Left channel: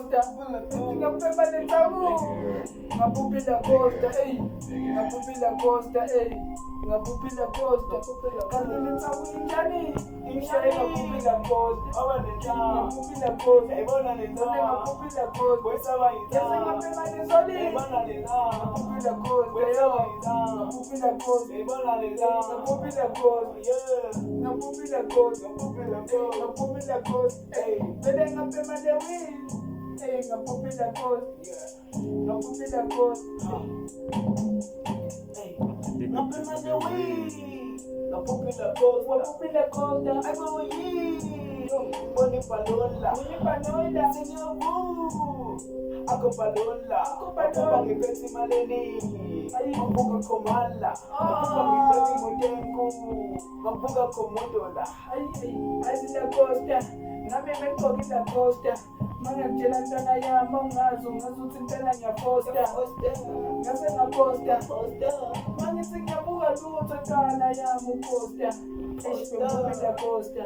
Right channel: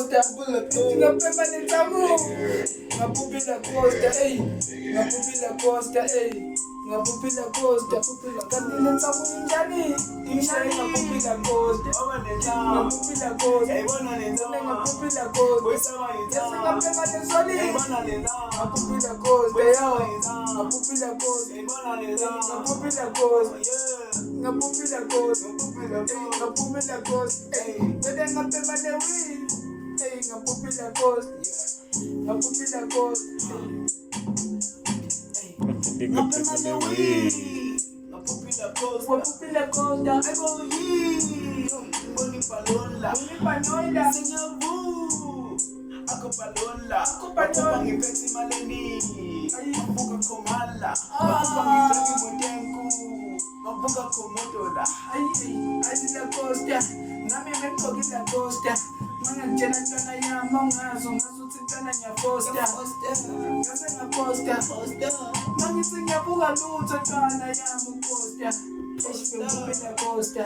costa, ngapema netamu, ngapupila costa, ngapupila costa, ngapupila costa, kanti netamu injani, injani ngapupila costa, ngapupila costa, ngapupila costa, yase ngapema nesoli, ngapupila costa, ngapupila costa, ngapupila costa, ngapupila costa, ngapupila costa, bede ngapema newi, ngapupila costa, ngapupila costa, ngapema newi, ngapupila costa, ngapupila costa, aybo boni palola, senyavu, ako palola, ngiphethe imaleni, mabuka komala, mabuka ngiphethe motenku, mabuka komodola, ayila costa, nami mekokila costa, mangakutshela ntwana yami awungazi ungazuthi ntwana ngiyaposta, ngase ngaposta, mangithi ngiyabuka lutho ntwana yami uposta, ngapupila costa,